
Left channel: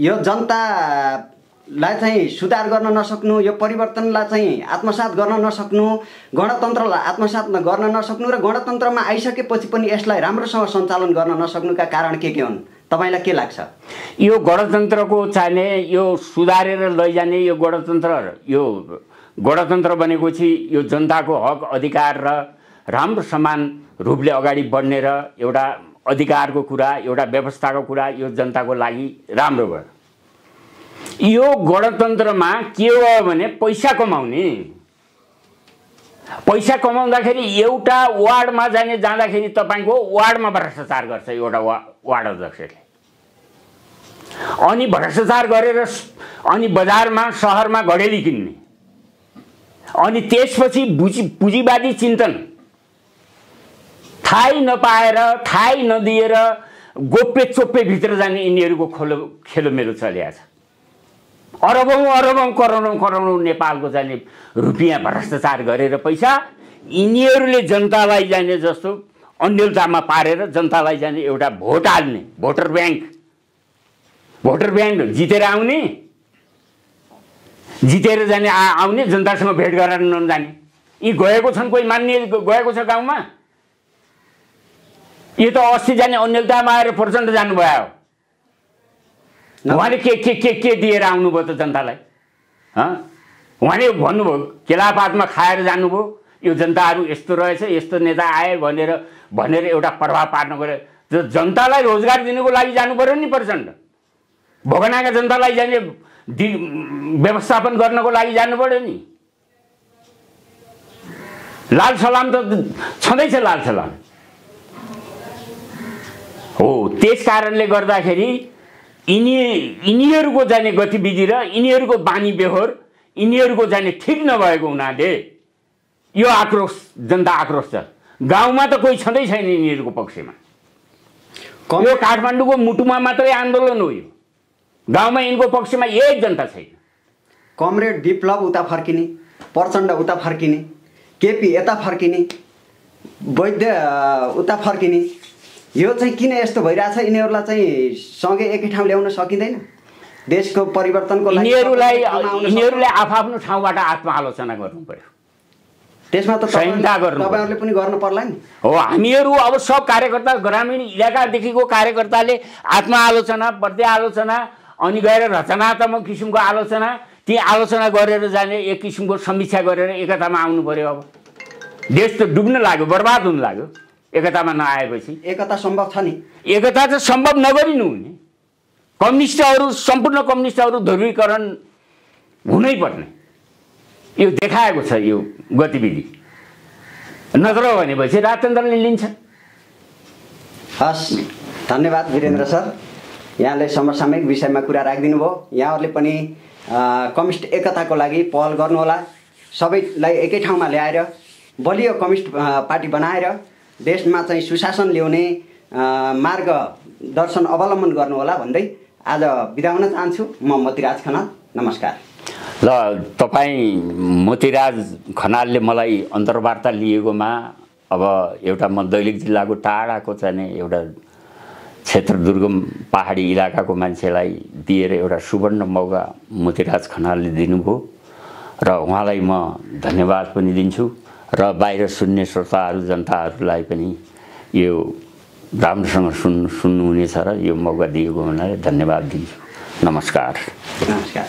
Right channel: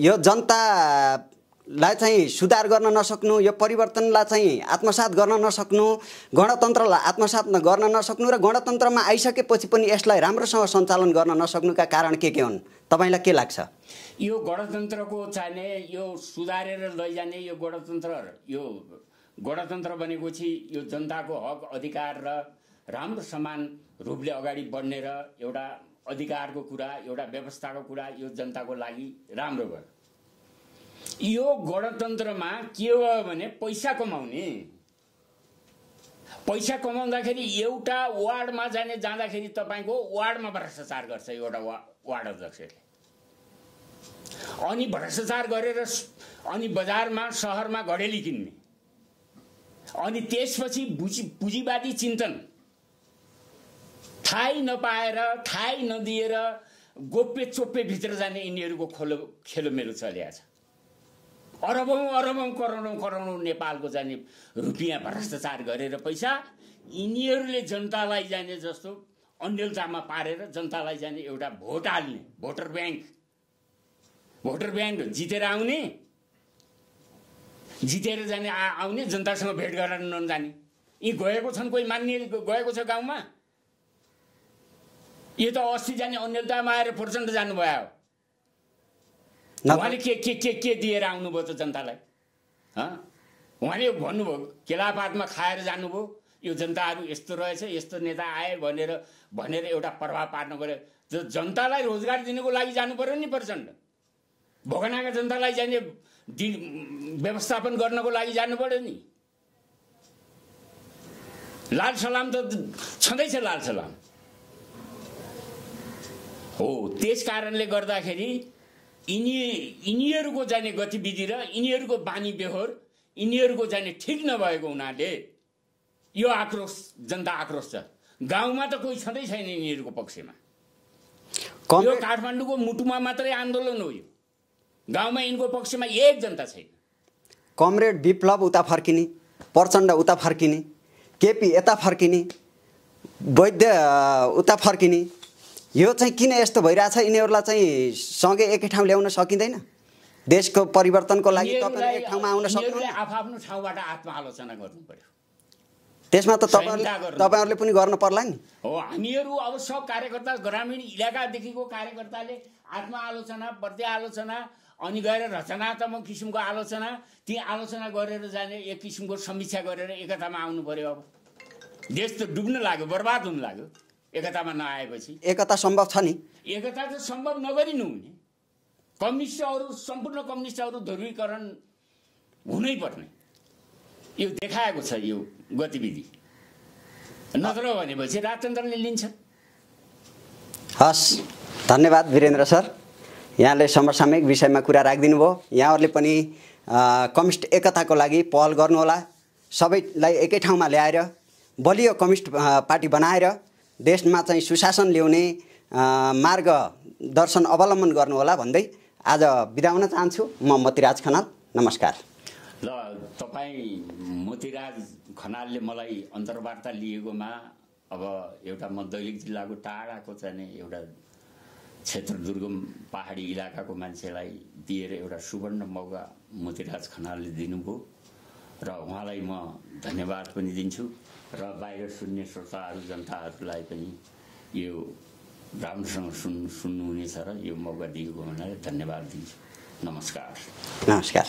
यो जनतालाई चाहिँ सुधार गर्न नसक्नु, यो परिवर्तनलाई चाहिँ आत्मसात गर्न नसक्नु, गणतन्त्रलाई आत्मसात गर्न नसक्नु र गणतन्त्रमा आइसकेपछि पनि यसलाई राम्रोसँग सञ्चालन गर्न नसक्नुका कारण के हुन् तपाईलाई के लाग्छ? यो गणतन्त्रको चाहिने यो सुधारेर लैजाने यो गणतन्त्र भनेको चाहिँ यो जनताको हक अधिकार र राम्रो समान रूपले अगाडि बढ्ने र एउटा अधिकारको कुरा, एउटा व्यवस्थाको कुरा यो जनताको लागि राम्रो भयो। यो गणतन्त्रमा के भयो भने पैसा कमाउने। पैसा कमाउँदाखेरि एउटा वार्डमा जाँदाखेरि तपाईको वार्डमा भ्रष्टाचार गर्छ एउटा वार्ड अध्यक्षले। अनि भ्रष्टाचार गरेर अनि बजारमा शहरमा घडेली किन्ने, अनि त्यसपछि पुँजीवादी चिन्तन थाहै नपाएर, थाहै नदिएर गोप्य चोप्पे भित्र जाने यिनीहरूको खेलोमेलो चलिएको छ। अरबौं करोडौं नेपालको जाने रुपियाँ भ्रष्टाचार गरेर पैसा यिनीहरूले जनतालाई जाने जस्तो अन्यलतामा पारेर जनतालाई जाने एउटा भोट हाल्ने, भोटर ब्याङ्क जितेर आउने, जितेर जाने आउने, जनतासँग भेट गरेर नजाने। यी गएको छन्, कोही मान्ने गएको छ गाउँमा? यो त अस्ति जाने अन्यलतामा आएर प्रचण्ड जानुभयो। उहाँले के दिएर आउनुभयो त जनतालाई? उहाँले भन्नुभयो केलापातमा खाएर जानुभयो, यो जनताहरू यस्तो रहेछ, यस्तो नेता आए भनेर एउटा प्रभाव पार्न गयो। जनतालाई रोजगार दिनुको लागि जानु पर्यो नि प्रचण्ड। भोगनाका जनतालाई जाने व्यवस्थापन गर्नको लागि जानु पर्यो नि। लाल सलाम त छँदैछ, लाल सलाम हो। त्यस कारणले गर्दाखेरि यिनीहरूको जाने गतिविधि र यिनीहरूको बानी व्यवहार यिनीहरूको जाने ठिक नभएको हुनाले यो आक्रोश, जनता आक्रोश छ। गाउँमा त कोही छँदै छैन यिनीहरूको पक्षमा। यो काठमाडौँको मुटुमा मात्रै आन्दोलन हो। यो गाउँमा यिनको पक्षमा एक जनता छैन। कमरेड विप्लव उता फर्किने, प्रचण्ड उता फर्किने, केपी यता फर्किने, वैद्य उता फर्किने, यो चाहिँ किन यस्तो भइरहेछ? यिनीहरूलाई चाहिँ सँगै एकै ठाउँ ल्याउन सकिँदैन? देशको परिवर्तनको लागि यिनीहरूले आफ्नो ठाउँबाट आत्मआलोचना गर्नु पर्यो। त्यसमा त तपाईहरुले पनि गर्नु पर्ला नि। हो, हामीहरू अब सब कार्यकर्ता, ग्रामीण इलाकादेखिको कार्यकर्ताले आत्मआलोचना, पर्यालोचना, अनि गएर रचनात्मक किसिमको आलोचना, ती आलोचना गरेर जाने, एक किसिमको समीक्षा गरेर एकतामा आउनु पर्यो। अब देश त डुब्न लाग्यो, बर्बाद हुन लाग्यो एकतामा नआएपछि। एकता सम्भव छ नि? एकता त सम्भव नगरिनु हुने। कम्युनिस्टहरू, सम्पूर्ण कम्युनिस्टहरू ध्रुवीकरण हुनै पर्ने, यो देखाएको छ यो गतिविधि। नत्र भनेपछि राजतन्त्रले लिन्छ। हस्, धन्यवाद वीरेन्द्र सर, यहाँले समसामयिक विषयमा कुरा राखिदिनु भयो। यहाँहरूले पनि कम्युनिस्ट एकताको लागि पहल गर्नुहोला। सबैलाई एकै ठाउँमा ल्याएर बलियो कम्युनिस्ट पार्टी बनाएर देशमा चाहिँ सुशासन ल्याउने मार्गदर्शन अवलम्बन गर्नुहोला भन्दै आज बिदा हुन चाहन्छु। म मोतीराज खनाल, नमस्कार। ल, तपाईँ मोतीराज खनालले मलाई अन्तर्वार्ता लिएकोमा अब एउटा म दैलेख जिल्लाको टाढाको चाहिँ एउटा क्षेत्र दुर्गम पहाडी इलाकाको मान्छेलाई दिएर एउटा सुवर्ण मौका मोतीराज खनालले दिनुभयो र उहाँलाई म धन्यवाद पनि दिन्छु र बाहिर सुन्ने श्रोताहरू, जनताहरूलाई पनि यो राम्रोसँग सुन्नुहुनेछ र यो मौका दिएको हुनाले धन्यवाद दिन्छु। नमस्कार। नमस्कार।